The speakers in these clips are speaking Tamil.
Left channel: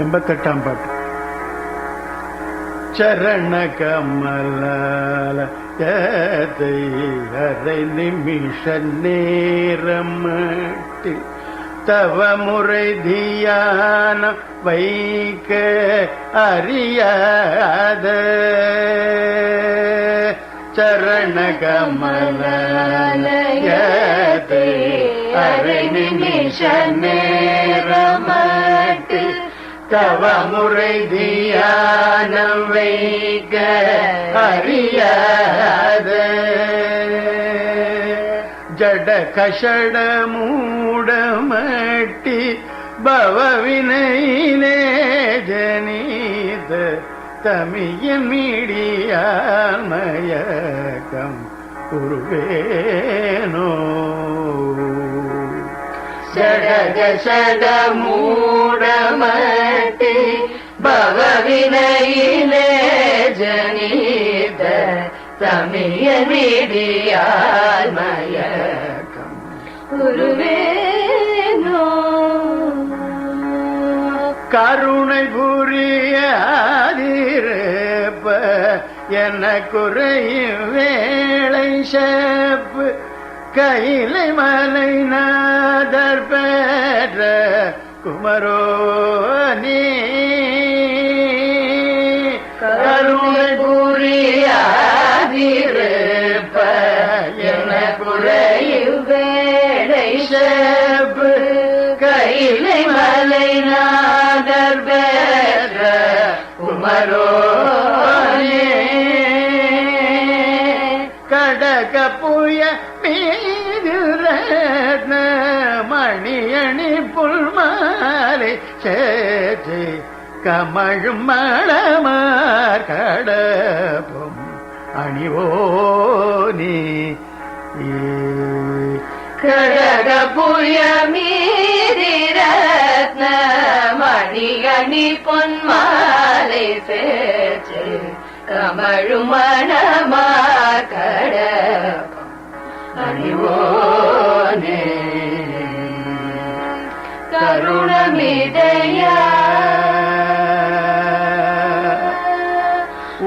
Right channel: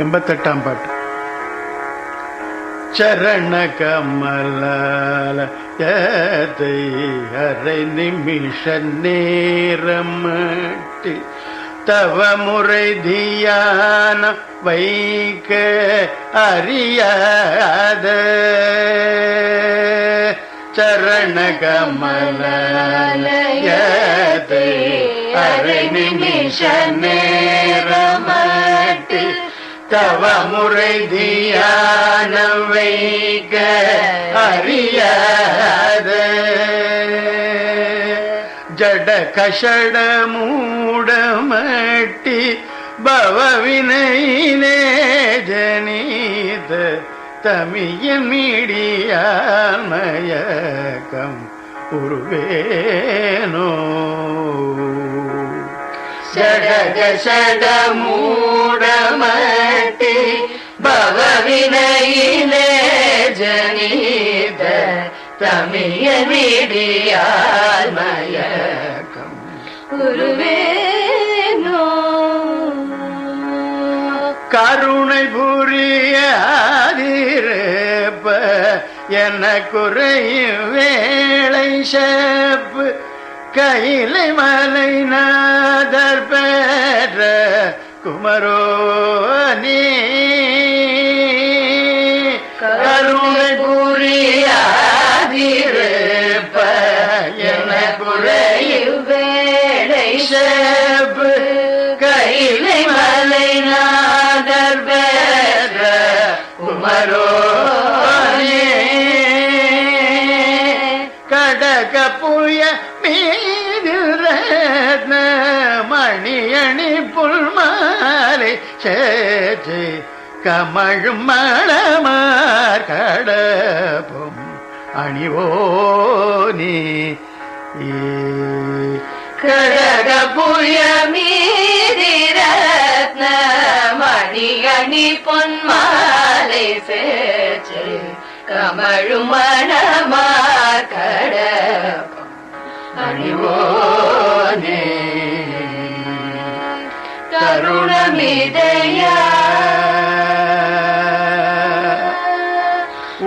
88ஆம் பாட்டு. சரண கமலால அரை நிமிஷ நேரமட்டு தவ முறை தியானம் வைக்க அறியாத சரண கமலாலயத்தை அரை நிமிஷ நேரமட்டு தவ முறை தியானம் வைக்க அறியாத ஜட கஷட மூடமட்டி பவவினையிலே ஜனீத தமியின் மீடியாமயக்கம் உருவேனோ ஜட மூடமட்டி பவவினையிலே ஜனீத தமியின் மீடியாமயக்கம் உருவேனோ கருணை புரியாதிருப்ப என்ன குறையும் வேளை செப்பு கையிலை மலை நாதர் பெற்ற குமரோனி கருணை புரியாதிருப்ப என்ன குறையும் வேளை செப்பு கையிலை மலை நாதர் பெற்ற குமரோனி கடக புய மீது ரத்ன மணியணி புல்மாலை சேச்சு கமழும் மணமார் கடப்பும் அணிவோனி கடக புய மீதி ரத்ன மணியணி பொன்மாலை சேச்சு கமழும் மணமார் கடப்பும் அணிவோனே தருணமிதையா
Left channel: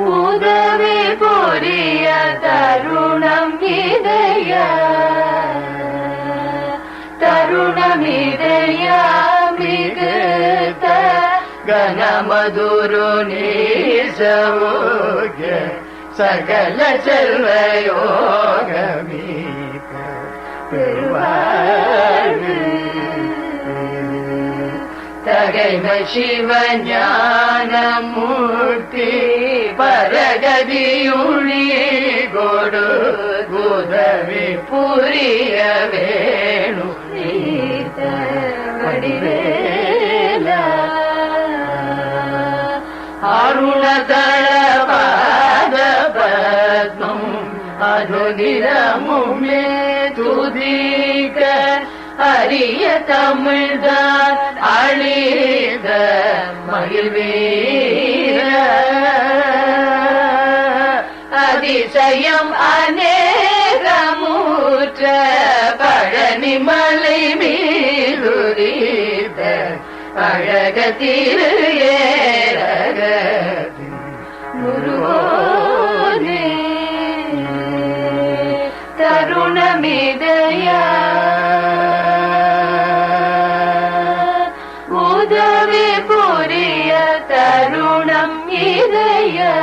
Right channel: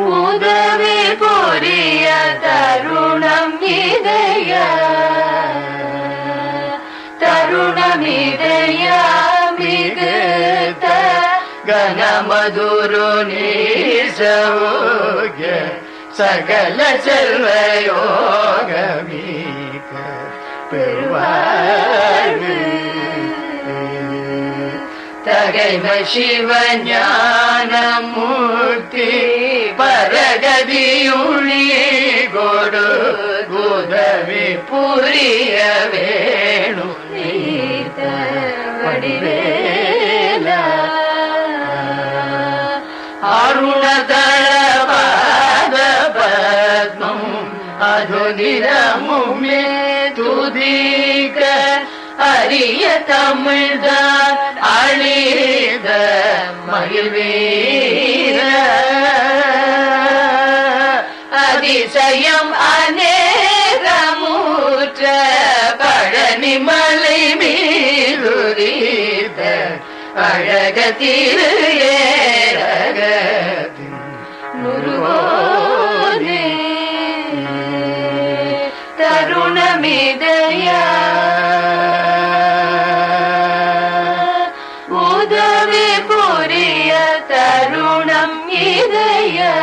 உதவி புரிய தருணம் இதயா தருணமிதையா மிகுத்த கனமதுரு நீசோக சகல செல்வயோகமீக பெருவாழ்வு தகைமை சிவஞானமூர்த்தி பரகதியுளி கொடு உதவி புரிய வேணு வடிவேலா அருணதளபாத பத்மம் அதுதினமுமே துதிக்க அரிய தமிழ்தான் அழித மகிழ்வீர அதிசயம் அநேகமூற்ற பழனிமலை மீதுரித அழக திரு ஏரகத்தின் நுருவோனே தருணமிதையா உதவி புரிய தருணம் இதயா